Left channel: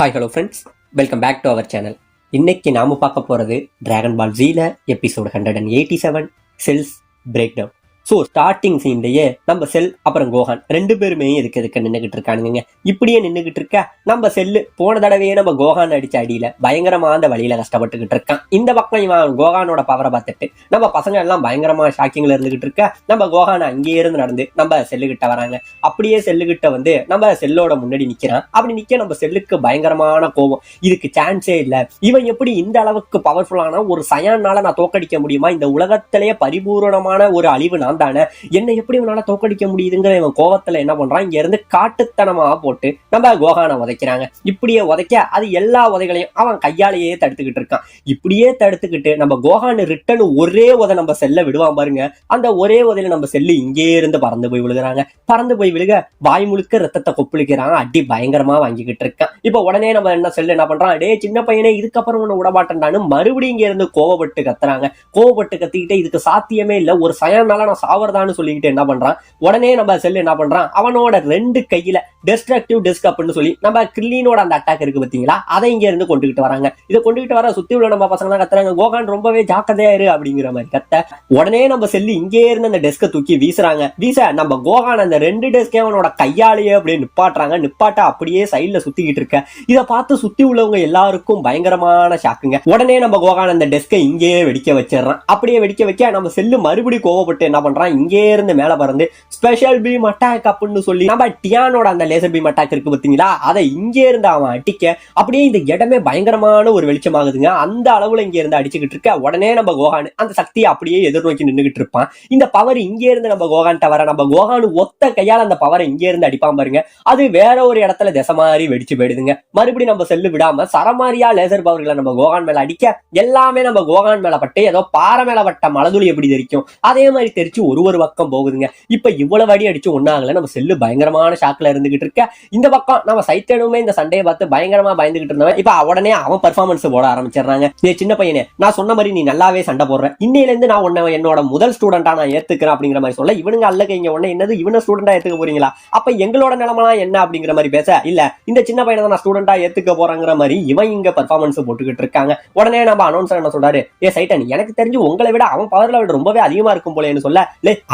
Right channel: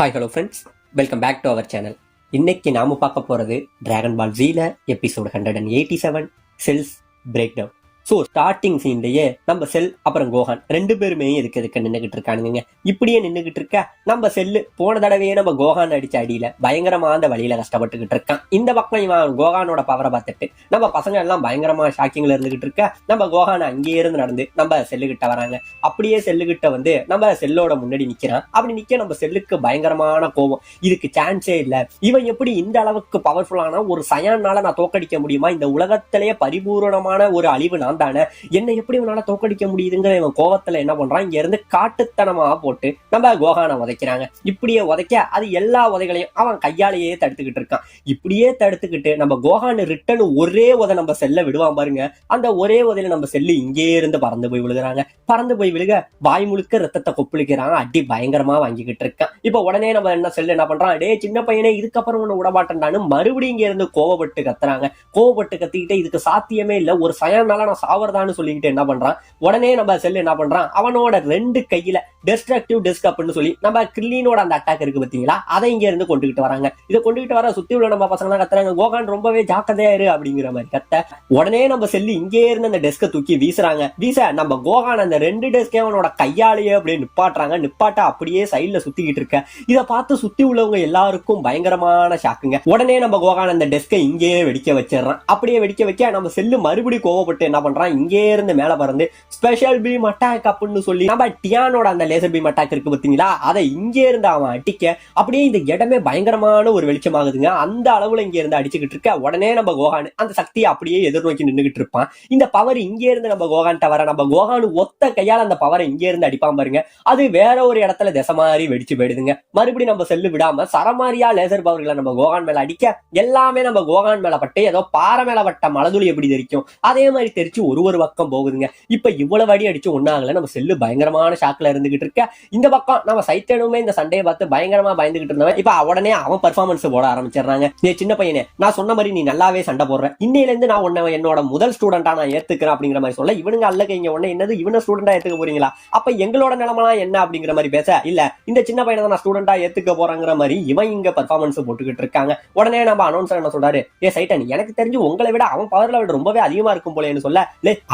Hi hello friends, welcome back to our channel. இன்னைக்கு நாம பார்க்க போறது டிராகன் பால் ஜீல episode 187 Cell's break down. So starting சீன்லயே நம்ம செல் அப்புறம் கோஹான் ரெண்டு பேருமே இதுக்கு நின்றுகிட்டு இருக்கானுங்க. இப்படியே நின்றுகிட்டு இருக்க நம்ம செல்லு போன தடவையே நம்ம கோஹான் அடிச்ச அடியில பயங்கரமா அந்த வழியில கஷ்டப்பட்டுக்கிட்டு இருக்கான். இந்த பக்கம் இவன் கோஹானோட பவரை பார்த்துட்டு நம்ம பசங்க எல்லாம் பயங்கரமா ஷாக்கிங்ல இருந்துகிட்டு இருக்க நம்ம கோஹான் அங்கேயே இருந்து நடந்து நம்ம செல்லுகிட்ட வராங்க. அப்படியே செல்லுகிட்ட வந்து நம்ம செல்லோட முன்னாடி நிக்கிறான். அப்படி நிக்க நம்ம செல்லுக்கு பயங்கரமான கோபம். இதுக்கு சான்ஸே இல்ல, இவன் எப்படி இந்த அளவுக்கு பவர்ஃபுல்லான ஒரு சயானால நான் தோக்கடிக்க முடியுமா? இந்த உலகத்திலேயே பரிபூரணமான ஒரு அழிவு நான் தானே, என்ன எப்படி இவனால தோக்கடிக்க முடியுதுங்கிற இவன் கோவத்துல என்ன பண்றான், இங்க இருந்து காட்டுத்தனமா போட்டு நம்ம கோஹானை உதைக்கிறாங்க. இப்படியே உதைக்க அது எல்லா உதைகளையும் அவன் கையாலேயே தடுத்துக்கிட்டு இருக்கான். இப்படியே தடுத்துக்கிட்டு நம்ம கோஹான் ரிட்டன் ஒரே உதை நம்ம செல்ல விடுவான் பாருங்க. அந்த ஒரே உதையில நம்ம செல்லு இங்கே இருந்து பறந்து போய் விழுகிறாங்க. பறந்து போய் விழுக வாய் முழுக்க ரத்தத்தை கொப்பளிக்கிறான். அடி பயங்கரமா வாங்கிக்கிட்டு இருக்கான். இப்ப உடனே நம்ம செல்லு என்ன பண்றான், டே சின்ன பையனே இதுக்கப்புறம் ஒண்ணு விடமாட்டேன்டான்னு மறுபடியும் இங்க இருந்து கோவப்பட்டு கத்துறாங்க. கோவப்பட்டு கத்திக்கிட்டு இதுக்கு சாத்தியமே இல்ல, ஒரு சயனால நான் சாவறதான்னு சொல்லிக்கிட்டு என்ன பண்றான், உடனே நம்ம செல்லு என்ன பண்றான், அவனோட ரெண்டு கையில டெஸ்ட்ரக்டிவ் டிஸ்க் அப்படின்னு சொல்லி நம்ம கிரில்லினோட அந்த அட்டாக் இருக்கு பாத்தீங்களா, அதை இங்க இருந்து கொண்டுகிட்டு வராங்க. இதை கொண்டுகிட்டு வர சுத்தி உள்ள நம்ம பசங்க தான் கத்துறாங்க, கோஹான் ரொம்பவே ஜாக்கிரதையா இரு அப்படிங்கிற மாதிரி கத்த. உடனே நம்ம செல்லு இங்கே இருந்து அந்த டெஸ்கை தூக்கி வீசுறாங்க. வீச நம்ம கோஹான் அந்த ரெண்டு டெஸ்கே அவனோட கையாலேயே அப்படியே நிப்பாட்டுறாங்க. நிப்பாட்ட அப்படியே சைட்ல சுத்திக்கிட்டு இருக்க. இதை பார்த்து சுத்தி உள்ளவங்க எல்லாருக்கும் பயங்கரமான ஷாக்குங்க. உடனே நம்ம கோஹான் அந்த டெஸ்கை இங்கேயே வெடிக்க வச்சிடறான். அப்படியே வெடிக்க வைக்க நம்ம செல்லு மறுபடியும் கோவப்பட்டு என்ன பண்றான், இங்கே இருந்து மேல பறந்து ஸ்பெஷல் பீம் அட்டாக் அப்படின்னு சொல்லி நம்ம டியானோட அந்த லேசர் பீம் அட்டாக் இருக்கு பாத்தீங்களா, அதை இங்கே இருந்து அவன் அடிக்க அப்படியே இந்த இடமே பயங்கரமான ஒரு வெளிச்சமாகுதுங்க. அந்த அளவுல இங்க இருந்து அடிச்சுக்கிட்டு இருக்க. உடனே நம்ம கோஹான் அந்த சக்தியை அப்படியே எதிர்நோக்கி நின்றுகிட்டு இருப்பான். இந்த பவர் இங்கே இருந்து நம்ம கோஹான் வர நம்ம கோஹான் ஒத்த கையால் அந்த பவரை இங்கே இருந்து அடிப்பான் பாருங்க. அது வேற ஒரு இடத்துல திசை மாதிரி வெடிச்சு போயிடுதுங்க. மறுபடியும் நம்ம செல்லு விடாம சரமாரியா லேசர் பவர்களை நம்ம கோஹான் மேல அடிக்க எல்லாமே நம்ம கோஹான் மேல பட்டு ஏதோ பாறை மேல பட்ட மலதுளி எப்படி தெரிக்கும் அதே மாதிரி தெரிச்சு ஒரு பக்கம் போகுதுங்க. இப்ப இவ்வளவு அடி அடிச்சு ஒன்னாகல. நம்ம செல்லு பயங்கரமான ஷாக்ல இருந்துகிட்டு இருக்க. இந்த பக்கம் நம்ம சைத்தனுமே இந்த சண்டையை பார்த்து பயங்கரமா பயந்துகிட்டு இருந்தவன் இப்ப உடனே அவன் பெர்ஃபார்மன்ஸ் போட ஆரம்பிச்சிடறாங்க. நீ சின்ன பையனே, நான் சொன்ன மாதிரி நீ நல்லாவே சண்டை போடுற, இன்னையில இருந்து நான் உன்னை என்னோட முதல் ஸ்டூடெண்டா நான் ஏத்துக்கிறேன் அப்படிங்கிற மாதிரி சொல்ல, இவனுங்க அல்லக்க இங்க உடனே என்னது இவனை ஸ்டூடெண்டா ஏத்துக்க போறீங்களா, அப்ப எங்களோட நிலைமெல்லாம் என்ன அப்படிங்கிற மாதிரி பேச, இல்ல இந்த சின்ன பையனை தான் நான் ஸ்டூடெண்டா ஏத்துக்க போறாங்கிற மாதிரி இவன் இங்க பெர்ஃபார்மன்ஸ் போட்டுக்கிட்டு இருக்காங்க. உடனே நம்ம அனௌன்சர் என்ன சொல்றாரு, ஏ சைட்டன், எனக்கு தெரிஞ்சு உங்களை விட அவன் பவர் லெவல் ரொம்பவே அதிகமா இருக்கும் போலேன்னு சொல்ல,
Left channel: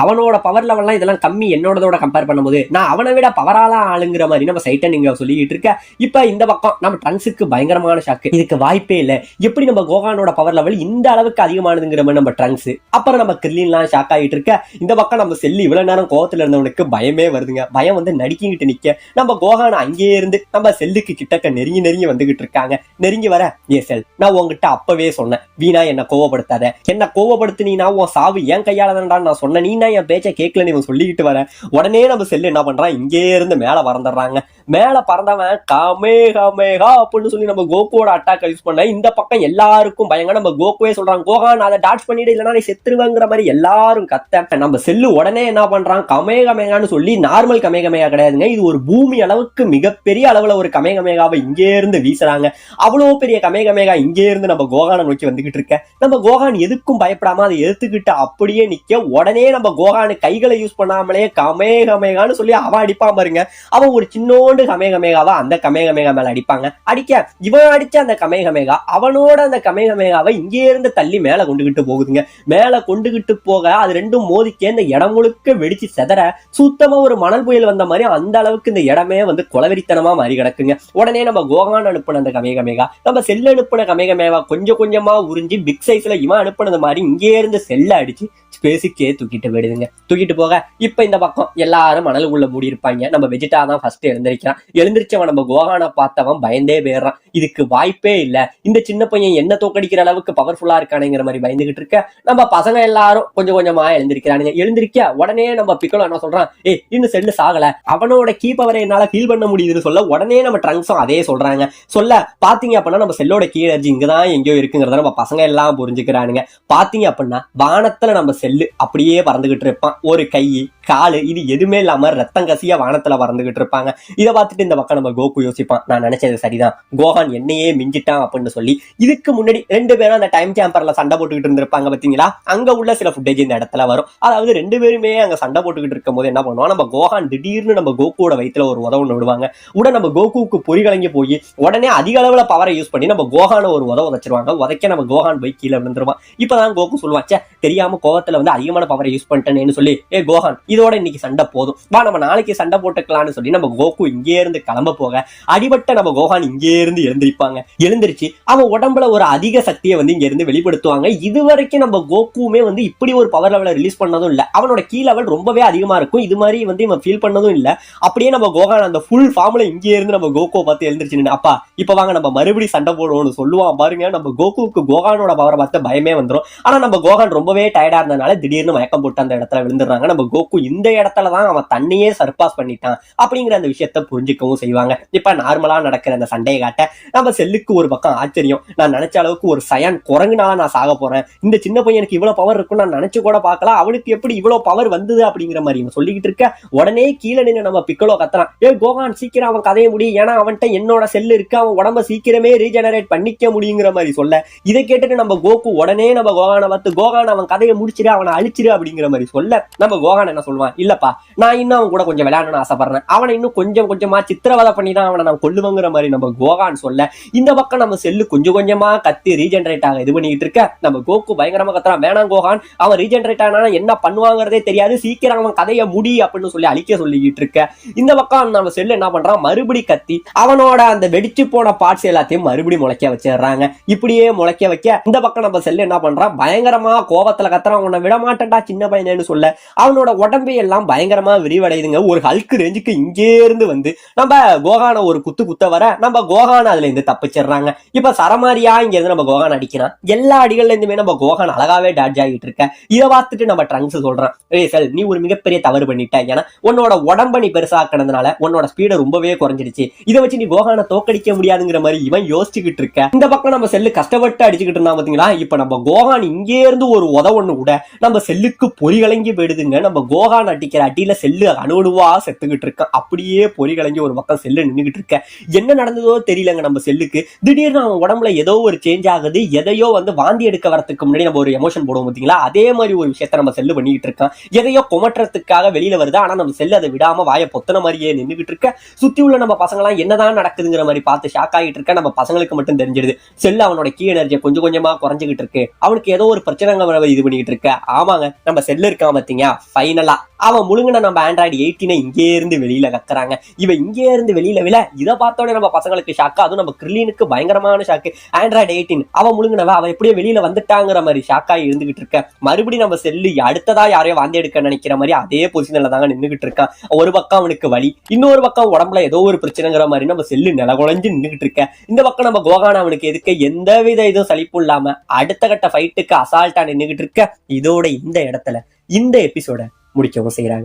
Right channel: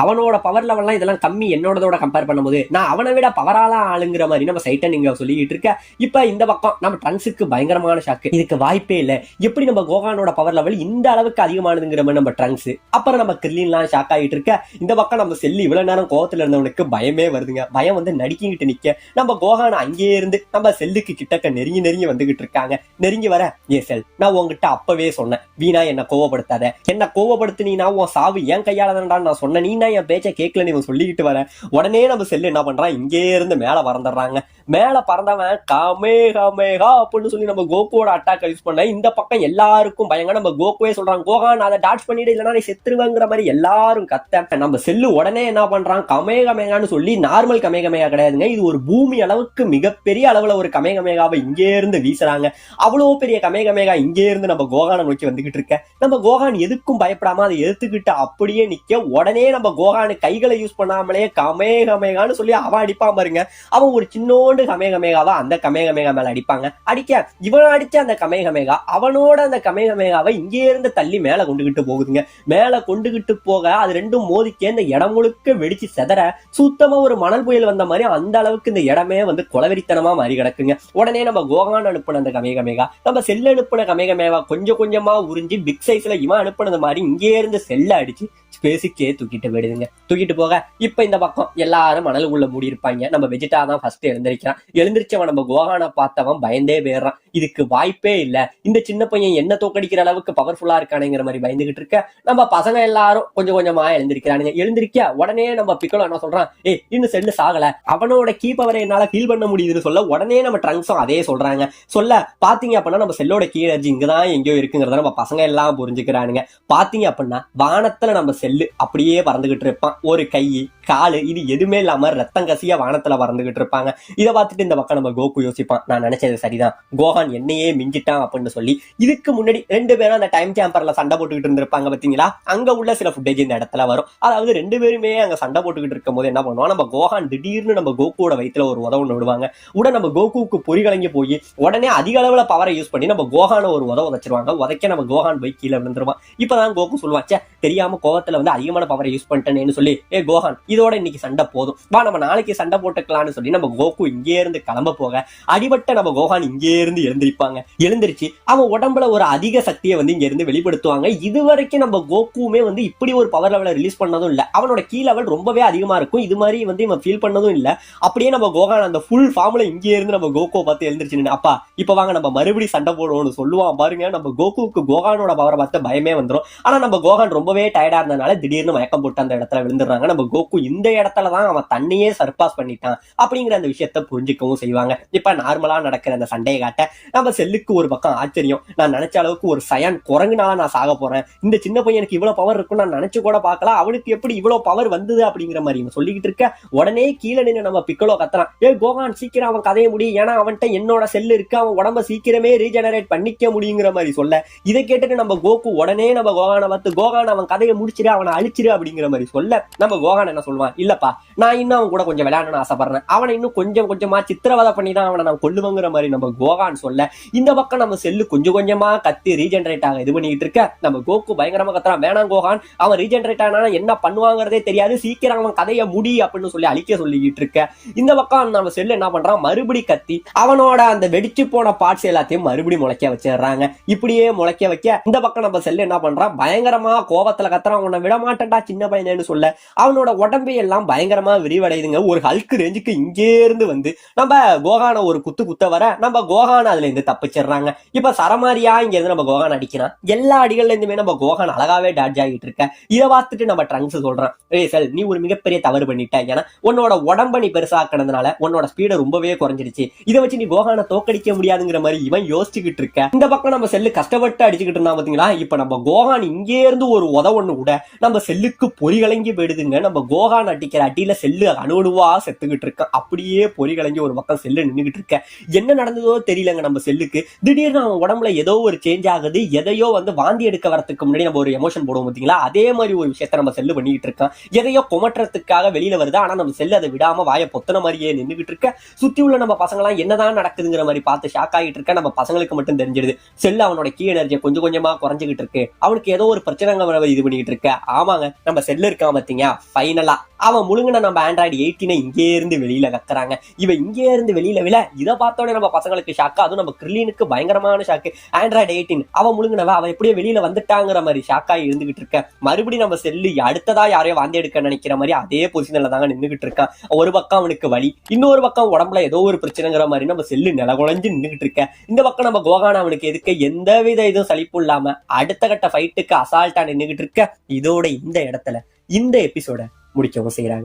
அவனோட பவர் லெவல்லாம் இதெல்லாம் கம்மி என்னோடதோட கம்பேர் பண்ணும்போது நான் அவனை விட பவரால ஆளுங்கிற மாதிரி நம்ம சைட்டன் இங்க சொல்லிட்டு இருக்க. இப்ப இந்த பக்கம் நம்ம ட்ரங்க்ஸுக்கு பயங்கரமான ஷாக்கு. இதுக்கு வாய்ப்பே இல்ல, எப்படி நம்ம கோஹானோட பவர் லெவல் இந்த அளவுக்கு அதிகமானதுங்கிற மாதிரி நம்ம ட்ரங்க்ஸ். அப்புறம் நம்ம கிரில்லின்லாம் ஷாக் ஆகிட்டு இருக்க. இந்த பக்கம் நம்ம செல்லு இவ்வளவு நேரம் கோவத்துல இருந்தவனுக்கு பயமே வருதுங்க. பயம் வந்து நடிக்கிட்டு நிக்க நம்ம கோஹான் அங்கேயே இருந்து நம்ம செல்லுக்கு கிட்டக்க நெருங்கி வந்துகிட்டு இருக்காங்க. நெருங்கி வர, ஏ செல், நான் உங்ககிட்ட அப்பவே சொன்னேன், வீணா என்ன கோவப்படுத்தாத, என்ன கோவப்படுத்தினா உன் சாவு என் கையால தான்டான்னு நான் சொன்னேன், நீ என் பேச்சை கேட்கலன்னு இவன் சொல்லிக்கிட்டு வர. உடனே நம்ம செல்லு என்ன பண்றான், இங்கே இருந்து மேல பறந்துடுறாங்க. மேல பறந்தவன் காமேகா அப்படின்னு சொல்லி நம்ம கோகுவோட அட்டாக் யூஸ் பண்ண. இந்த பக்கம் எல்லாருக்கும் பயங்கர நம்ம கோகுவே சொல்றான், கோஹான் அதை டாட்ச் பண்ணிட்டு இல்லைன்னா நீ செத்துருவேங்கிற மாதிரி எல்லாரும் கத்த. நம்ம செல்லு உடனே என்ன பண்றான், கமேகமேகான்னு சொல்லி நார்மல் கமேகமேகா கிடையாதுங்க, இது ஒரு பூமி அளவுக்கு மிகப்பெரிய அளவுல ஒரு கமேகமேகாவை இங்கே இருந்து வீசுறாங்க. அவ்வளவு பெரிய கமேகமேகா இங்கே இருந்து நம்ம கோஹானை நோக்கி வந்துகிட்டு இருக்க. நம்ம கோஹான் எதுக்கும் பயப்படாம அதை எடுத்துக்கிட்டு அப்படியே நிக்க. உடனே நம்ம கோஹானு கைகளை யூஸ் பண்ணாமலே கமேகமேகான்னு சொல்லி அவன் அடிப்பான் பாருங்க. அவன் ஒரு சின்னோண்டு கமேகமேகாவா அந்த கமேகமேகா மேல அடிப்பாங்க. அடிக்க இவன் அடிச்ச அந்த கமேகமேகா அவனோட அந்த கமேகமேகாவை இங்கே இருந்து தள்ளி மேல கொண்டுகிட்டு போகுதுங்க. மேல கொண்டுகிட்டு போக அது ரெண்டும் மோதிக்க இந்த இடம் முழுக்க வெடிச்சு செதற சுத்தமா ஒரு மணல் புயல் வந்த மாதிரி அந்த அளவுக்கு இந்த இடமே வந்து கொலவெறித்தனமா மாறி கிடக்குங்க. உடனே நம்ம கோஹான் அனுப்பின அந்த கமேகமேகா நம்ம செல்ல அனுப்பின கமேகமேகா கொஞ்சம் கொஞ்சமா உறிஞ்சி பிக் சைஸ்ல இவன் அனுப்பினது மாதிரி இங்கே இருந்து செல்ல அடிச்சு ஸ்பேஸுக்கே தூக்கிட்டு போயிடுதுங்க. தூக்கிட்டு போக இப்ப இந்த பக்கம் எல்லாரும் மணலுக்குள்ள மூடி இருப்பாங்க. நம்ம வெஜிடா தான் ஃபர்ஸ்ட் எழுந்திருக்கிறான். எழுந்திரிச்சவன் நம்ம கோஹானை பார்த்தவன் பயந்தே போயிடுறான். இதுக்கு வாய்ப்பே இல்ல, இந்த சின்ன பையன் என்ன தோக்கடிக்கிற அளவுக்கு பவர்ஃபுல்லா இருக்கானுங்கிற மாதிரி பயந்துகிட்டு இருக்க. நம்ம பசங்க எல்லாரும் கொஞ்சம் கொஞ்சமா எழுந்திருக்கிறானுங்க. எழுந்திருக்க உடனே நம்ம பிக்கலோ என்ன சொல்றான், இன்னும் செல்லு சாகல, அவனோட கீ பவரை என்னால ஃபீல் பண்ண முடியுதுன்னு சொல்ல, உடனே நம்ம ட்ரங்க்ஸும் அதே சொல்றாங்க. சொல்ல பாத்தீங்க அப்படின்னா நம்ம செல்லோட கீ எனர்ஜி இங்கதான் எங்கேயோ இருக்குங்கிறத நம்ம பசங்க எல்லாம் புரிஞ்சுக்கிறானுங்க. பாத்தீங்க அப்படின்னா வானத்துல நம்ம செல்லு அப்படியே பறந்துகிட்டு இருப்பான். ஒரு கை காலு இது எதுவுமே இல்லாம ரத்தம் கசிய வானத்துல பறந்துகிட்டு இருப்பாங்க. இதை பார்த்துட்டு இந்த பக்கம் நம்ம கோகு யோசிப்பான், நான் நினைச்சது சரிதான், கோகான் என்னையே மிஞ்சிட்டான் அப்படின்னு சொல்லி. இதுக்கு முன்னாடி 2 பேரும் அந்த டைம் சாம்பர்ல சண்டை போட்டுக்கிட்டு இருந்திருப்பாங்க பாத்தீங்களா, அங்க உள்ள சில ஃபுட்டேஜ் இந்த இடத்துல வரும். அதாவது 2 பேருமே அங்க சண்டை போட்டுக்கிட்டு இருக்கும் போது என்ன பண்ணுவோம், நம்ம கோகான் திடீர்னு நம்ம கோகுவோட வயிற்றுல ஒரு உதவு விடுவாங்க. உடனே நம்ம கோகுவுக்கு பொறிகலங்கி போய் உடனே அதிக அளவுல பவரை யூஸ் பண்ணி நம்ம கோகான ஒரு உதச்சிருவாங்க. உதைக்க நம்ம கோகான் போய் கீழே விழுந்துருவான். இப்பதான் கோகு சொல்லுவாச்சே, தெரியாம கோவத்துல வந்து அதிகமான பவரை யூஸ் பண்ணிட்டேன்னு சொல்லி, ஏ கோகான் இதோட இன்னைக்கு சண்டை போதும், வா நம்ம நாளைக்கு சண்டை போட்டுக்கலாம்னு சொல்லி நம்ம கோகு இங்கே இருந்து கிளம்ப போக அடிபட்ட நம்ம கோகான் இங்கே இருந்து எழுந்திருப்பாங்க. எழுந்திருச்சு அவன் உடம்புல ஒரு அதிக சக்தியை வந்து இங்க இருந்து வெளிப்படுத்துவாங்க. இதுவரைக்கும் நம்ம கோகுமே வந்து இப்படி ஒரு பவர் லெவலை ரிலீஸ் பண்ணதும் இல்ல. அவனோட கீ லெவல் ரொம்பவே அதிகமா இருக்கும். இது மாதிரி வந்து இவன் ஃபீல் பண்ணதும் இல்ல. அப்படியே நம்ம கோகான் அந்த ஃபுல் ஃபார்ம்ல இங்கே இருந்து நம்ம கோகுவை பார்த்து எழுந்திருச்சு, அப்பா இப்ப வாங்க நம்ம மறுபடியும் சண்டை போடுவோம்னு சொல்லுவான் பாருங்க. நம்ம கோகுவுக்கு கோகானோட பவரை பார்த்து பயமே வந்துடும். ஆனா நம்ம கோகான் ரொம்பவே டயர்டா இருந்ததுனால திடீர்னு மயக்கம் போட்டு அந்த இடத்துல விழுந்துடுறாங்க. நம்ம கோகு இந்த இடத்துலதான் அவன் தன்னையே சர்பாஸ் பண்ணிட்டான் அப்படிங்கிற அந்த விஷயத்த புரிஞ்சுக்கவும் செய்வாங்க. இப்ப நார்மலா நடக்கிற அந்த சண்டையை காட்ட நம்ம செல்லுக்கு ஒரு பக்கம் ஆச்சரியம், நான் நினைச்ச அளவுக்கு ஒரு சயான் குரங்குனால நான் சாக போறேன், இந்த சின்ன பையனுக்கு இவ்வளவு பவர் இருக்கும் நான் நினைச்சு கூட பார்க்கலாம், அவனுக்கு எப்படி இவ்வளவு பவர் வந்தது அப்படிங்கிற மாதிரி இவன் சொல்லிக்கிட்டு இருக்க. உடனே கீழே நின்று நம்ம பிக்கலோ கத்துறான், ஏ கோகான் சீக்கிரம் அவன் கதைய முடியும், ஏன்னா அவன்கிட்ட என்னோட செல்லு இருக்கு, அவன் உடம்ப சீக்கிரமே ரீஜெனரேட் பண்ணிக்க முடியுங்கிற மாதிரி சொல்ல. இதை கேட்டுட்டு நம்ம கோகு உடனே நம்ம கோகானை பார்த்து, கோகான் அவன் கதையை முடிச்சிரு, அவனை அழிச்சிரு அப்படிங்கிற மாதிரி சொல்ல, நம்ம கோகான் என்ன சொல்லுவான், இல்லப்பா நான் இன்னும் அவன் கூட கொஞ்சம் விளையாடணும்னு ஆசைப்படுறேன், அவனை இன்னும் கொஞ்சம் கொஞ்சமா சித்திரவதை பண்ணி தான் அவனை நான் கொல்லுவங்கிற மாதிரி நம்ம கோகான் சொல்ல. இந்த பக்கம் நம்ம செல்லு கொஞ்சம் கொஞ்சமா கத்தி ரீஜெனரேட் ஆக இது பண்ணிட்டு இருக்க. நம்ம கோகு பயங்கரமா கத்துறான், வேணாம் கோகான் அவன் ரீஜெனரேட் ஆனா என்ன பண்ணுவாங்கிறதே தெரியாது, சீக்கிரம் அவன் கதையை முடி அப்படின்னு சொல்லி அழிக்க சொல்லிக்கிட்டு இருக்க. இந்த பக்கம் நம்ம செல்லு என்ன பண்றான், மறுபடி கத்தி அவனோட அந்த வெடிச்சு போன பார்ட்ஸ் எல்லாத்தையும் மறுபடி முளைக்க வச்சிடுறாங்க. இப்படியே முளைக்க வைக்க இந்த பக்கம் நம்ம செல்லு என்ன பண்றான், பயங்கரமா கோபத்துல கத்துறான், உன்னை விட மாட்டேன்டா சின்ன பையனு சொல்ல. அவனோட உடம்பு எல்லாம் பயங்கரமா விரிவடையுதுங்க. ஒரு ஹல்க் ரேஞ்சுக்கு இங்கே இருந்து வந்து நம்ம கோகான ஒரு குத்த வர நம்ம கோகான் அதுல இருந்து தப்பிச்சிடுறாங்க. இப்ப சரமாரியா இங்க இருந்து நம்ம கோகான் அடிக்கிறான். எல்லா அடிகள்ல இருந்துமே நம்ம கோகான் அழகாவே டாட்ஜ் ஆகிட்டு இருக்க. இதை பார்த்துட்டு நம்ம ட்ரங்க்ஸ் சொல்றான், செல் நீ ஒரு மிகப்பெரிய தவறு பண்ணிட்ட, ஏன்னா உன்னோட உடம்ப நீ பெருசாக்கினதுனால உன்னோட ஸ்பீட ரொம்பவே குறைஞ்சிருச்சு, இதை வச்சு நீ கோகானை தோக்கடிக்க முடியாதுங்கிற மாதிரி இவன் யோசிச்சுக்கிட்டு இருக்க. இந்த பக்கம் நம்ம செல்லு கஷ்டப்பட்டு அடிச்சுக்கிட்டு இருந்தா பாத்தீங்களா. இப்ப நம்ம கோகான் இங்கே இருந்து ஒரு உதவொன்னு கூட நம்ம செல்லுக்கு பொறிகலங்கி போயிடுதுங்க. நம்ம கோகான் அடிக்கிற அடியில செல்லு அணுவா செத்துக்கிட்டு இருக்கான். அப்படியே பொறிகலங்கி ஒரு பக்கம் செல்லு நின்றுகிட்டு இருக்க. என்ன நடந்ததோ தெரியலங்க நம்ம செல்லுக்கு. திடீர்னு அவன் உடம்புல ஏதோ ஒரு சேஞ்ச் ஆகுது. எதையோ வந்து வாந்தி எடுக்க வரதுக்கு முன்னாடி நம்ம ஒரு எமோஷன் போடுவோம் பாத்தீங்களா, அதே மாதிரி ஒரு விஷயத்த நம்ம செல்லு பண்ணிட்டு இருக்கான். எதையோ குமற்றத்துக்காக வெளியில வருது. ஆனா நம்ம செல்லு அதை விடாம வாயை பொத்தன மாதிரியே நின்றுகிட்டு இருக்க. சுத்தி உள்ள நம்ம பசங்க எல்லாம் என்னதான் நடக்குதுங்கிற மாதிரி பார்த்து ஷாக் ஆகிட்டு இருக்க. நம்ம பசங்களுக்கு மட்டும் தெரிஞ்சிடுது செல்லு அவனோட கீ எனர்ஜியை கொஞ்சம் கொஞ்சமா குறைஞ்சிக்கிட்டு இருக்கு. அவனுக்கு ஏதோ ஒரு பிரச்சனை இது பண்ணிட்டு இருக்க. ஆமாங்க நம்ம செல்லு இருக்கான் பாத்தீங்க, ஃபைனலா அவன் முழுங்கின நம்ம ஆண்ட்ராய்டு 18 இங்கே இருந்து வெளியில கத்துறாங்க. இவன் இங்கே இருந்து வெளியில விழ இதை பார்த்தோன்னே நம்ம பசங்களுக்கு ஷாக்கு. அதுவும் நம்ம கிரில்லினுக்கு பயங்கரமான ஷாக்கு. ஆண்ட்ராய்டு 18 அவன் முழுங்கினவ அவன் எப்படியே வெளியில வந்துட்டாங்கிற மாதிரி ஷாக்காகி இருந்துகிட்டு இருக்க. மறுபடியும் நம்ம செல்லு அடுத்ததா யாரையோ வாந்தி எடுக்க நினைக்கிற மாதிரி அதே பொசிஷன்ல தாங்க நின்றுகிட்டு இருக்கான். ஒரு பக்கம் அவனுக்கு வலி, இன்னொரு பக்கம் உடம்புல ஏதோ ஒரு பிரச்சனைங்கிற மாதிரி நம்ம செல்லு நிலகுலைஞ்சு நின்றுகிட்டு இருக்க. இந்த பக்கம் நம்ம கோகான் அவனுக்கு எதுக்கு எந்தவித இதுவும் சலிப்பு இல்லாம அடுத்த கட்ட ஃபைட்டுக்கு அசால்ட்டா நின்றுகிட்டு இருக்க. இதோட இந்த இடத்துல இந்த எபிசோட முடிக்கவும் செய்யறாங்க.